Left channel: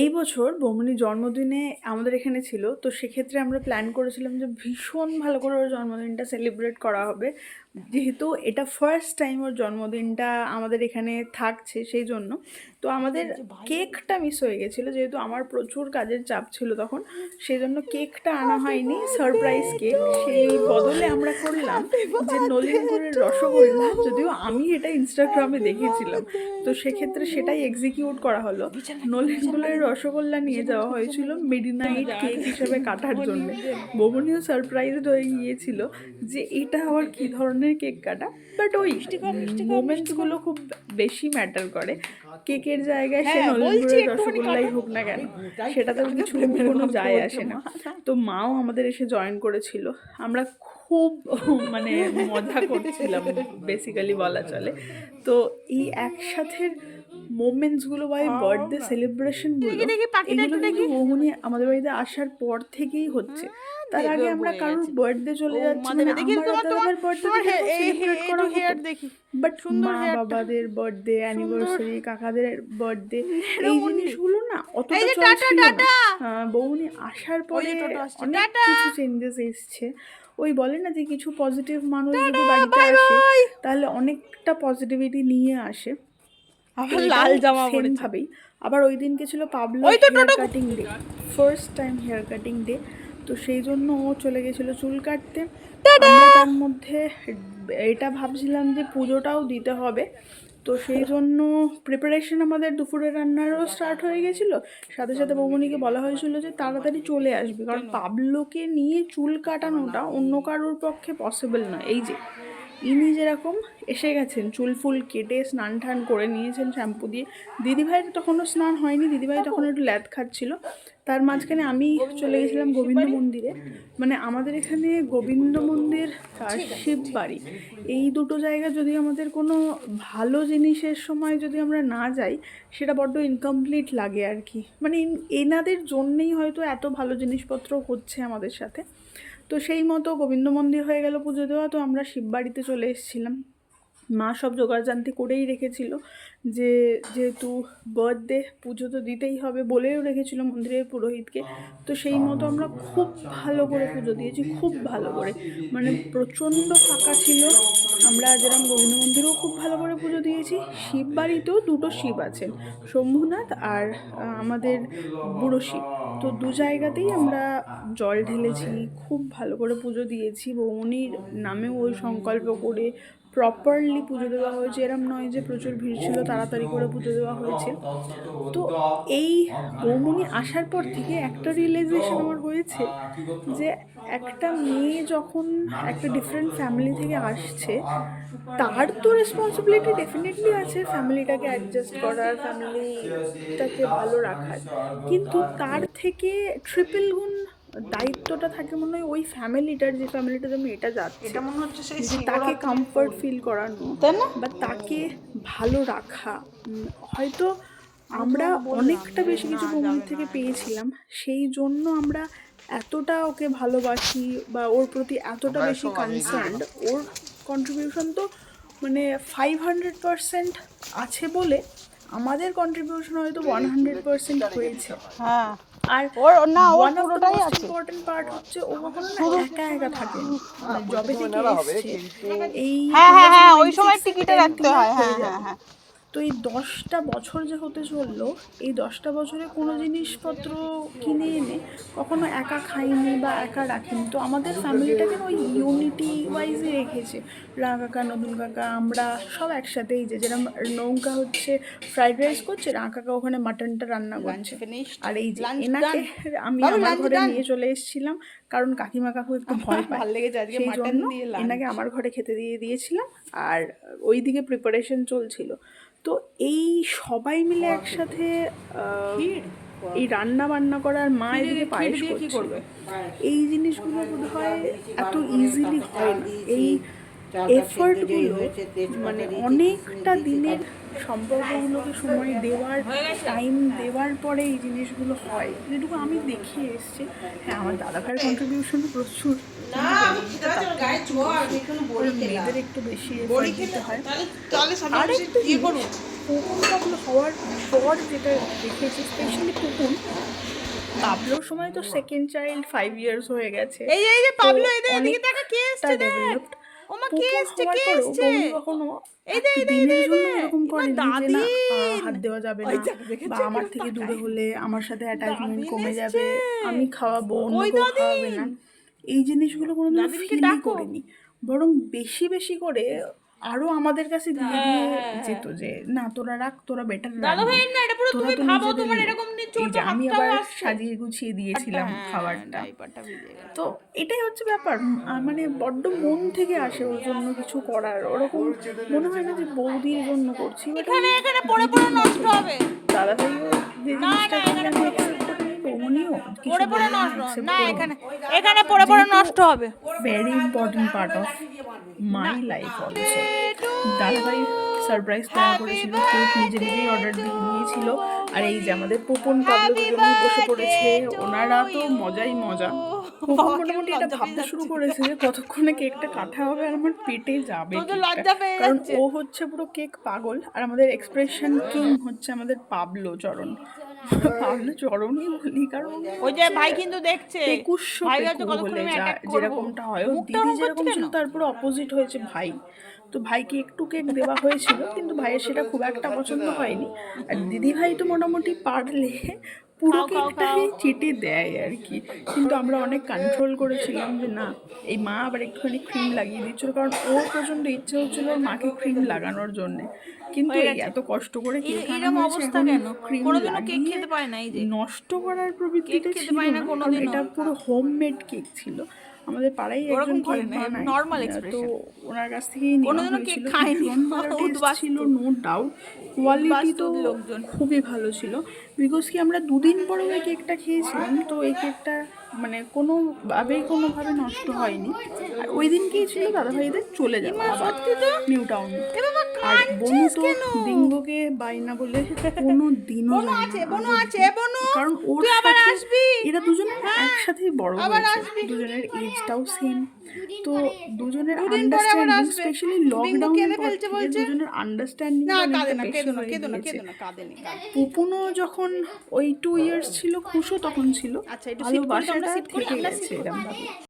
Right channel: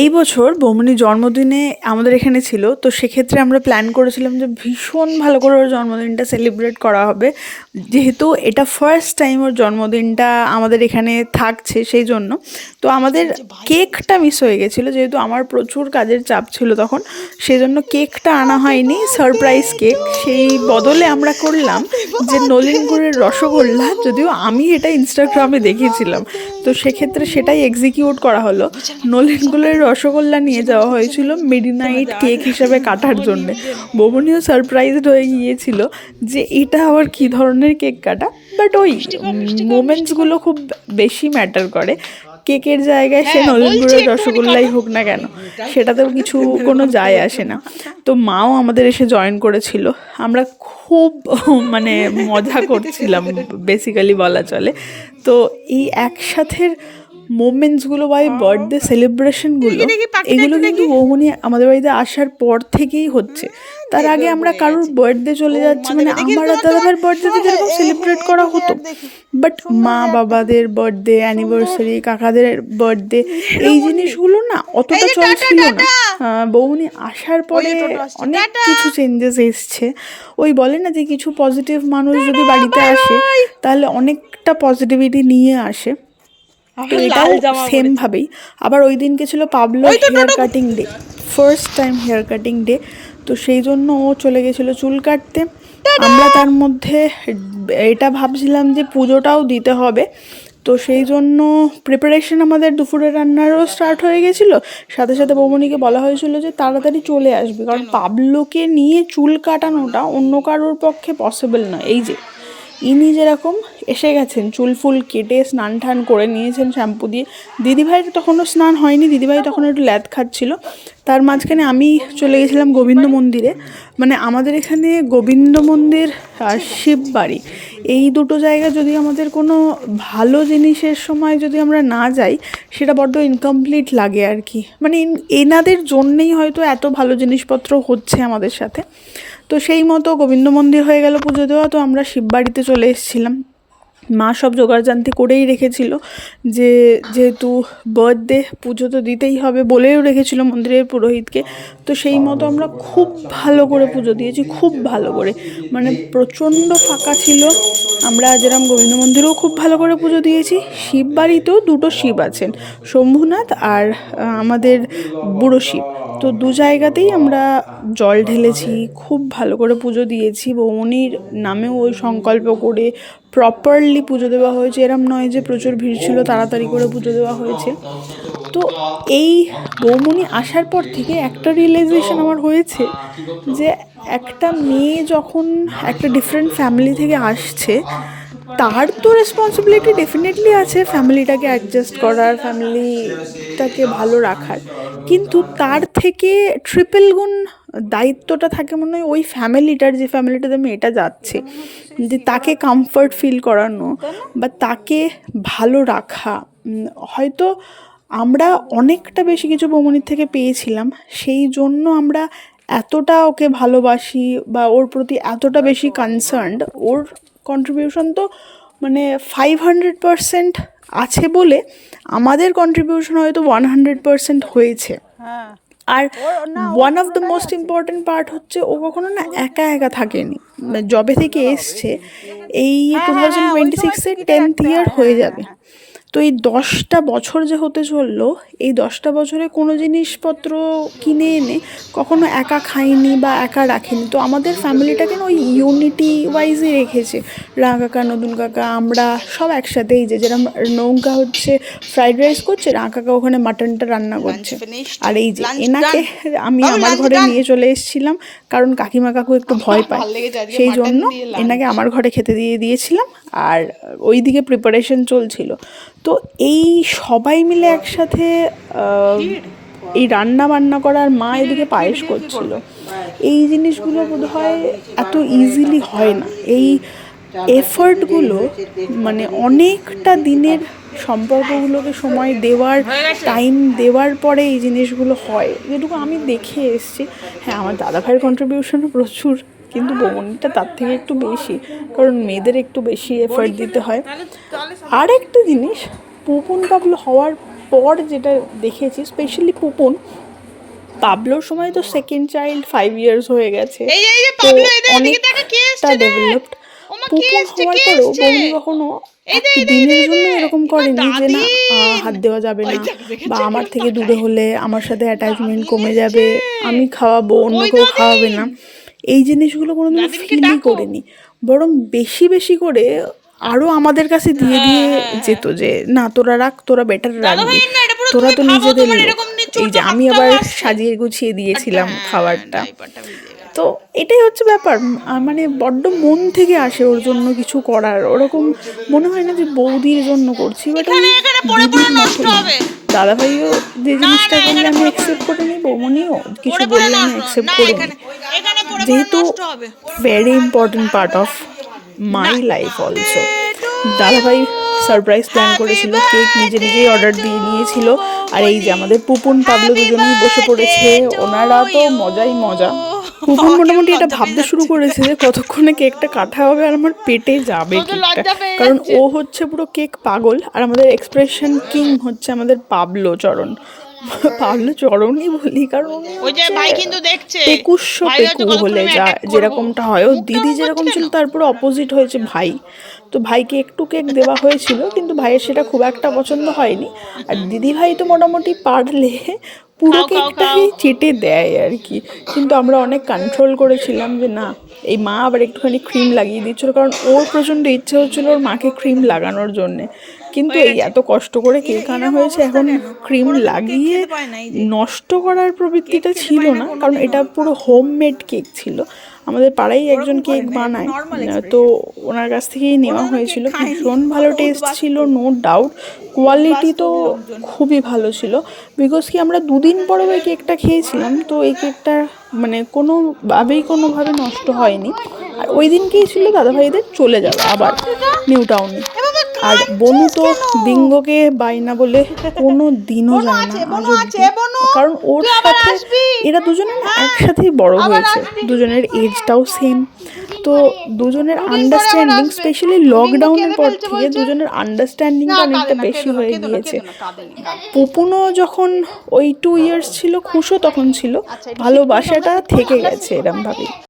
এই বছর বৌমনির জন্মদিনে আমাদের এখানে ছিল, তো সেক্ষেত্রে আমরা প্ল্যান করেছিলাম যে ভীষণ ভালো করে ওর জন্মদিনটা সেলিব্রেট করা হবে। যেহেতু এটা ফার্স্ট টাইম ওর জন্মদিনটা আমাদের এখানে থাকছে, সেই জন্য তো আমাদের কেকটা মিস হয়ে গেছিলো, যেহেতু আমার প্রচুর কাজের চাপ ছিল তখন, সেই জন্য কেকটা আনা হয়নি, সারপ্রাইজ কেক। সেই বদলে আমরা করলাম যে নলেন গুড়ের রসগোল্লা, যদিও আমি এটা ইনস্টাগ্রামে দেখেছিলাম, তো সেক্ষেত্রে সেটাই এক্সিকিউট করা হলো। নলেন গুড়ের রসগোল্লা নিয়ে যাওয়া হয়েছিল মিডনাইট কেক হিসাবে কাটার জন্যে। বৌমনিও সারপ্রাইজড হয়ে গিয়েছিল যে এটা আবার কী ধরনের কেক কাটা, বাট ওই মোমেন্টসগুলো খুব বেশি ম্যাটার করে। কেকের জায়গায় সে নলেন গুড়ের রসগোল্লাই হোক না কেন, সেটাতেও কিছু কোনো যায় আসে না। তো মাও আমাদের এসে জয়েন করেছিল, আমরা খুব মানে মজা করছিলাম বেসিক্যালি বলা চলে। তো এই একসাথের মোমেন্টসগুলো বা এই বার্থডে সেলিব্রেশনগুলো, এগুলো কিন্তু বৌমনি আমাদের বাড়িতে আসার পর থেকেই হচ্ছে। তার আগে আমরা কারোর বার্থডে চলে যাচ্ছি, মানে আমার আর দাদাভাইয়ের বার্থডে যেরকম সেলিব্রেট করা হতো, বাট মা বাবাদের বার্থডে, অ্যানিভার্সারি, কাকাদের বার্থডে, এই জিনিসগুলো না অতটা চলছিল না। বৌমনি আসার পরে অনেক কিছু চেঞ্জেস এসছে। ওই বলে না যে কিছু পজিটিভ মানুষ যদি বাড়িতে আসে তাহলে অনেকটা পজিটিভিটি নিয়ে আসে। সেম ভাবেই আবার ওই দিনকে ছিল Pablo hair cutting day, first time hair cutting day. তো সেই জন্য ও চলে গেছিলো চুল কাটতে। আমরা তার মধ্যে এটা ভাবছিলাম যে পুজোটাও দিতে হবে, তো সেই জন্য প্রিপারেশন আমাদের দুপুরে রান্নারও স্টার্ট হয়ে গেছিলো। সাথে সাথে বৌমনিকে বলা হয়েছিল যে তাড়াতাড়ি চলে আসবে, কারণ পাবলোকে নিয়ে চুল কাটানোটা অন্য কারোর পক্ষে পসিবল নয়। এই যে ইনি যেরকম এসে গেছেন, চুল ফুল কেটে স্নান টান করে নিয়েছেন শ্যাম্পু দিয়ে। দিদিভাইয়ের তখনও স্নান হয়নি, দিদিভাই তখন একটু ল্যাদ খাচ্ছিল। তার মাঝখানে আমি চলে গেছিলাম গোবিন্দ মন্দিরে। মানে আমাদের এখানে গোবিন্দ মন্দির আর শিববাড়ি, এই দুটো জায়গা যদি আমাদের কোনো ভালো জিনিসের সময় যদি আমরা না যাই, সেটা বড্ড ইনকমপ্লিট লাগে আর কি। মানে এনাদের জন্যেই হয়তো এত ভালো জিনিসপত্র হচ্ছে আমাদের সাথে। তো সেই মতো গোবিন্দ মন্দির হয়ে গেল পুজো দেওয়া, তো আমরা শিববাড়িতে চলে এসেছিলাম। মা সব জোগাড়জান্তি করেই রেখেছিল, যে যেহেতু বার্থডে পুজো তো দিতেই হবে, বলেও রেখেছিল মন্দিরের পুরোহিতকে। তো সেই মতো আমরা খুব ভালো করে পুজো দিয়েছি, খুব ভালো করে, মানে প্রচণ্ড ফাঁকা ছিল। আমরা যেরকম গোবিন্দ মন্দিরেও খুব ভালো করে পুজো দিয়েছি, শিববাড়িতেও দুটো শিব আছেন, শম্ভুনাথ আর আমাদের বুড়ো শিব। তো দু জায়গাতেই আমরা জল ঢেলেছি, খুব ভালো করে পুজো দিয়েছি। বৌমনির নামেও ওই সংকল্প করে প্রপারলি পুজো দেওয়া হয়েছে, এরম নয় যে প্রচুর ভিড় ছিল তাড়াতাড়ি করে পুজো দেওয়া হয়েছে। তো এই বৌমনি আসার পর থেকে একটা রিয়েলাইজেশন আমার হয়েছে যে একটা মেয়ে যখন একটা ডিফারেন্ট ফ্যামিলি থেকে আসছে, তার তো রেসপন্সিবিলিটি ডেফিনেটলি আছে ফ্যামিলিটাকে অ্যাডজাস্ট করার, ফ্যামিলিটাকে ভালো রাখার, কিন্তু তার থেকে ট্রিপল গুণ দায়িত্বটা থাকে মনে হয় ওই ফ্যামিলিটার, যে ফ্যামিলিটাতে মেয়েটা যাচ্ছে, যে তাকে কমফর্ট ফিল করানো বা তাকে ভালো রাখা। হয়তো আমরা অনেকটা বেশি কিছু বৌমনির থেকে পেয়েছিলাম, সেই জন্য আমরা এতটা ওকে ভালোবাসি বা ওর প্রতি এতটা বেশি কনসার্নড। ওর কন্ট্রিবিউশন তো মানে 500% আছে বলে আমাদের কন্ট্রিবিউশন হয়তো 100% হয়েছে। আর one of the most important part হচ্ছে ও কখনো না একা একা থাকেনি। জবে থেকে এসছে, এই 2026-এ 10th ইয়ার হয়ে যাবে। তো এই 10টা বছর যে হতে চললো, এই 10টা বছরে কোনো জিনিসপত্র কিনে এনে কখনো একা খাইনি বা একা রাখেনি। তো আমাদের ফ্যামিলিটাকে না ওই ইউনিটি ওয়াইজই রেখেছে। রাঙা কাকা, নতুন কাকা, আমরা সব একসাথে। এই যে যেরকম নৌকা হচ্ছে ফ্রাইড রাইস করছে, রাঙা কাকা ওখানে মাটনটা রান্না করছে। আর এই যে এনাকে আমি আমার ঘরে নিয়ে চলে এসেছিলাম, কারণ কাকিমা কাকু একটু ভয় পায়, সেই জন্য এনাকে আমার ঘরে খেতে দিয়ে দিয়েছিলাম। আর ওই দিকে প্রিপারেশন চলছিল। তো এই সবাই মিলে একসাথে এই রান্না বান্না করার, মা এদিকে পায়েস করছিল, এই জিনিসগুলো বোধহয় এত ইজিলি হয় না। এই এফর্টগুলো মানে অনেকটা দিনের সম্পর্কগুলোকে সময় দেওয়ার, টাইম দেওয়ার পরে এই জিনিসগুলো হয়, যেটুকু আমি দেখে এসেছি। হ্যাঁ, আমার দাদাভাইয়ের কন্ট্রিবিউশনও প্রচুর, কিন্তু বোনটা তার থেকে একটু বেশি, কারণ মেয়েদের একটু বেশি এফর্ট দিতে হয়। আর একটু জিনিস, পুকুন পাবলো হওয়ার এরপর যেটা দেখেছি স্পেশালি পুপুন, পাবলোর সময় তো সেকেন্ড চাইল্ড 5 ইয়ার্স হয়ে গেছে, তো অনেকটা ডেভেলপড। পুপুন হওয়ার পরেও বৌদি কখনো একদিনের জন্য এরকম করেনি যে না হাত দেওয়া যাবে না, বা আমার থেকে দূরে হলে আমার সাথে অ্যাটাচমেন্ট কমে যাবে, আমি খাওয়াবো অন্য কেউ খাওয়াবে না, এই জিনিসগুলো কোনোদিন ফিলই করেনি। বরং বেশি বেশি করে আরো আমাদের কাছে দিয়ে দিয়ে যেত যে না তোরা রাখ, তোরা বেটার রাখবি, তোরা তো নিজেদের লোক। এই যে আমি আবার সাজিয়ে গুছিয়ে দিয়েছিলাম খাবারটা। তো এটাই হচ্ছে ব্যাপার, মানে বড্ড মন থেকে আসে ওর জন্য কিছু করার, ওরকম মনে হয় না যে বৌদির জন্য করছি, বাট দাদা ভাইও যে জিনিসটা করলে আমি অ্যাকসেপ্ট করে নিই, বৌমনিও কিছু বললে আমি অ্যাকসেপ্ট করে নিই, যেহেতু very important part of my life also. দাদাভাই সারপ্রাইজ প্ল্যান করেছিল, কেক নিজে নিজেই অর্ডার দিয়ে নিয়েছিল, আর এই যে আমাদের পুপুন পাবলো দুজনেই বসে পড়েছে, ওনারা তো মজাই মজা। পুপুন মোটামুটি এটা ভাবতে শুরু করেছে যে কতক্ষণে কেকটা কাটা হবে আর আমার পেটে যাবে কেকটা, কারণ ও হচ্ছে পুরো কেক পাগল, আর আমাদের এক্সপ্রেশন কিং হচ্ছে আমাদের পাবলো চরণ। পাবলো চরণই বলি কারণ ওই যে ভাই কিন্তু দেখছে 2100 হলে যা যেরকমটা হয়, ও দিদি যেরকম ছিল তার পুরো অপোজিট হয়েছে ভাই। তো ভাইকে একটু কেক দেওয়া হয়েছিল, কিন্তু ভাইয়ের সেটা খুব একটা পছন্দ হয়নি, আর দিদি ভাই তো মোটামুটি পারলে পুরো কেকটাই চেটে দেয় আর কি। কিন্তু আমরা অনেক কন্ট্রোল করেছিলাম যে না, এই মা আবার একটুখানি ক্রিম লাগিয়ে দিচ্ছিল, কারণ ওর প্রচণ্ড ইচ্ছে হচ্ছিল ওর মাকে ক্রিম লাগানোর জন্যে। কিন্তু এই এত কষ্ট করে কেক আনা হয়েছে, এখন ক্রিম লাগিয়ে নষ্ট করার প্রবৃত্তিটা ছিল না, কারণ এটা পুরো হোমমেড কেক ছিল। আমাদের পাড়ায় একজন কেক বানায়, তো ওনার কাছ থেকেই নেওয়া হয়েছিল। ভীষণ ভালো টেস্ট ছিল, নো ডাউট। কোয়ালিটি তো খুবই ভালো ছিল, বিকজ কি আমরা 2 দিন পরে ওই কেকটা খেয়েছিলাম, তো এই কেকটা মানে কোনোভাবে নষ্ট হয়নি। আর ওই দিনকেই ছিল দাদাভাইদের চলে যাবে আবার নিউ টাউনে। আর বনু তো বিঙ্গোকে বাইনা বলে কোনো দিনও যায় না, কারণ ওর সাথে এরা দুজন একসাথেই বড় হয়েছে, দুজনের এজটাও সেম, তো দুজনের আন্ডারস্ট্যান্ডিং স্পেশালি লকডাউনের পর থেকে দুজনের আন্ডারস্ট্যান্ডিংটা অনেকটা বেশি হয়ে গিয়েছে। পুপুনও যখন ওই 2 ইয়ার্স ছিল, খুশও তখন ছিল, ভালোবাসাটা থেকে গেছে এরমভাবেই।